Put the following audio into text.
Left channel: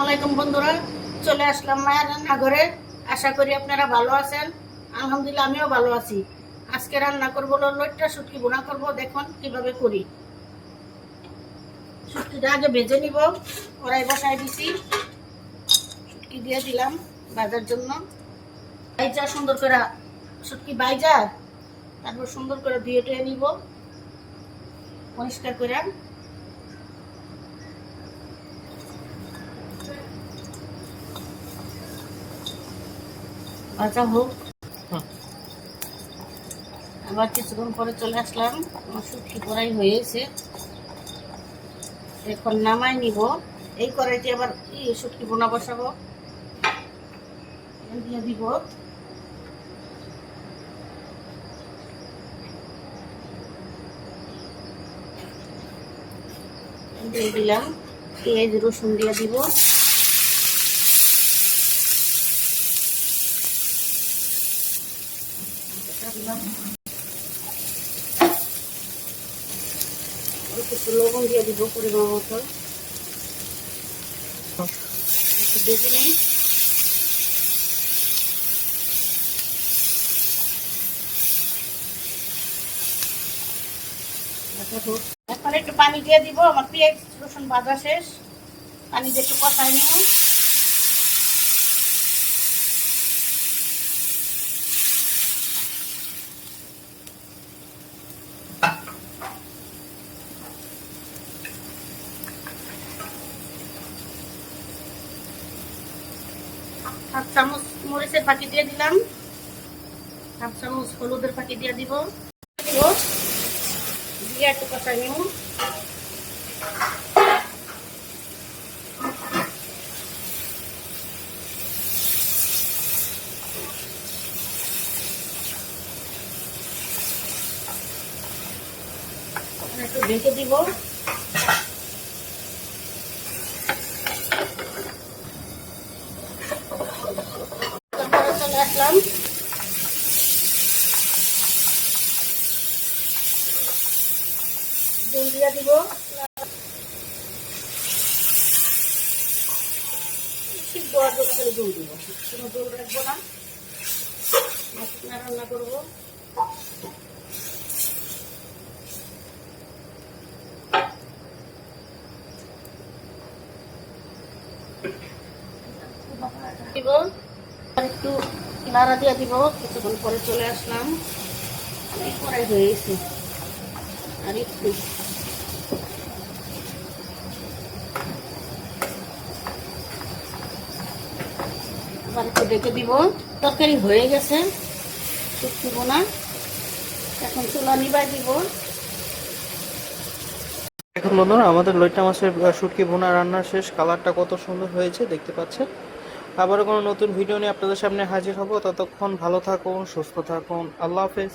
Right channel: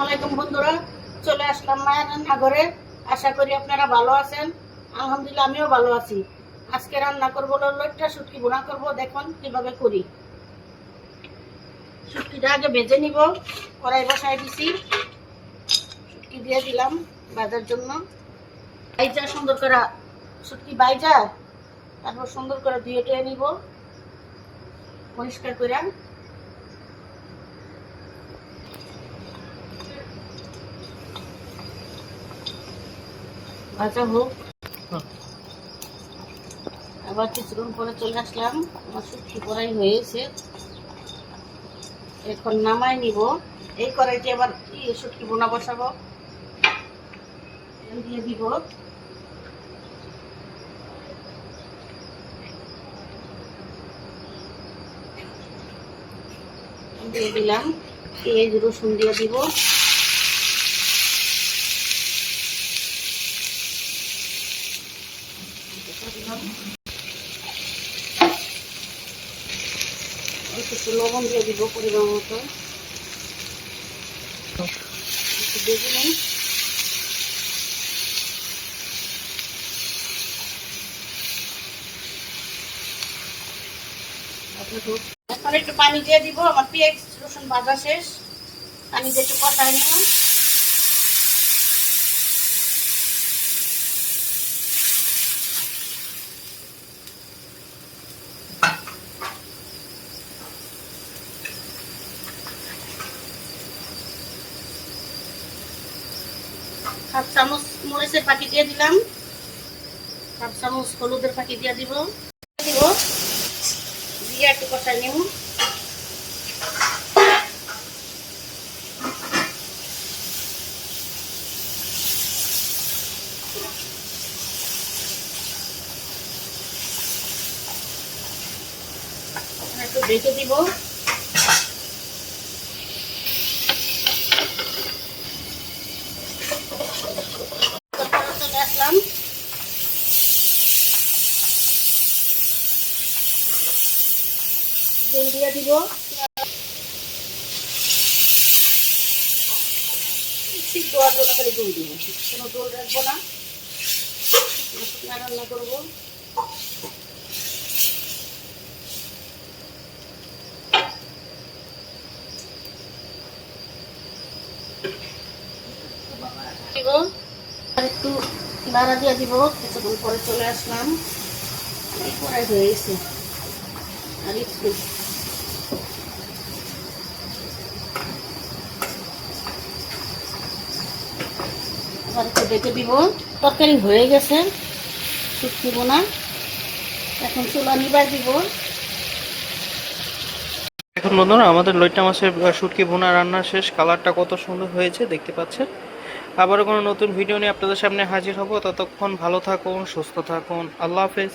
আসসালামাইকুম বন্ধুরা, চলে আসলাম মায়ের রান্নাঘরে। আশা করি আপনারা ভালো আছেন। আলহামদুলিল্লাহ আমিও ভালো আছি। আজকে রান্না করবো লইট্টা শুটকি ভুনা করব। দেখুন কিভাবে করি। শুটকিটা আগে ভেজে নিব। কড়াই বসাই দিছি, শুটকি দিয়ে দিলাম ভাজার জন্য। বাইজা সুন্দর করে শুটকি বাইজা, তারপর সুন্দর করে ধুয়ে টুয়ে নিব পরিষ্কার করে। ভাজা হোক, আবার কিছুক্ষণ পরে চলে আসলাম। আমার শুটকি পড়াই হয়েছে, এখন নামাই নিব। এই কড়াইতে আবার শুটকি বোনা বসাবো, দিয়ে দিব। দিয়ে দিলাম পেঁয়াজ রসুন দিয়ে দিব। একটু লবণ দিয়ে দিব পরিমাণ মতো। একটু দেখে নিন। এখন একটু পানি দিয়ে দিব। আমার পেঁয়াজ রসুন ভাজা শেষ, পানি দিয়ে একটু কষাই নেব। হাফ চামচ মরিচের ফাঁকি দিয়ে দিলাম, হাফ চামচ হলুদের ফাঁকি দিয়ে দিব। দিয়ে একটু কষাই নেব। একটু ঢেকে দিব। চলে আসলাম, তেল দিয়ে দিব। সিদ্ধ হওয়ার জন্য করে জল দিব, কোনো জল রাখবো না। রান্না করবো। আর একটু বাড়া দিয়ে দিব। কিছুক্ষণ পরে চলে আসলাম, কড়াই হয়ে গেছে। আর একটু আবার একটু ডেকে দিব। তরকারি হয়ে গেছে, শুটকি বোনা। এখন চুলা নিবার দিব। এখন বন্ধুরা আমাদের লইট্টা মাছের শুটকি ভুনা রান্না শেষ। কালারটা কত সুন্দর হয়েছে দেখতে পাচ্ছেন। আবারও কোনো নতুন ভিডিও নিয়ে আপনাদের সামনে হাজির হব। ততক্ষণ ভালো থাকুন, সুস্থ থাকুন। আল্লাহ হাফেজ।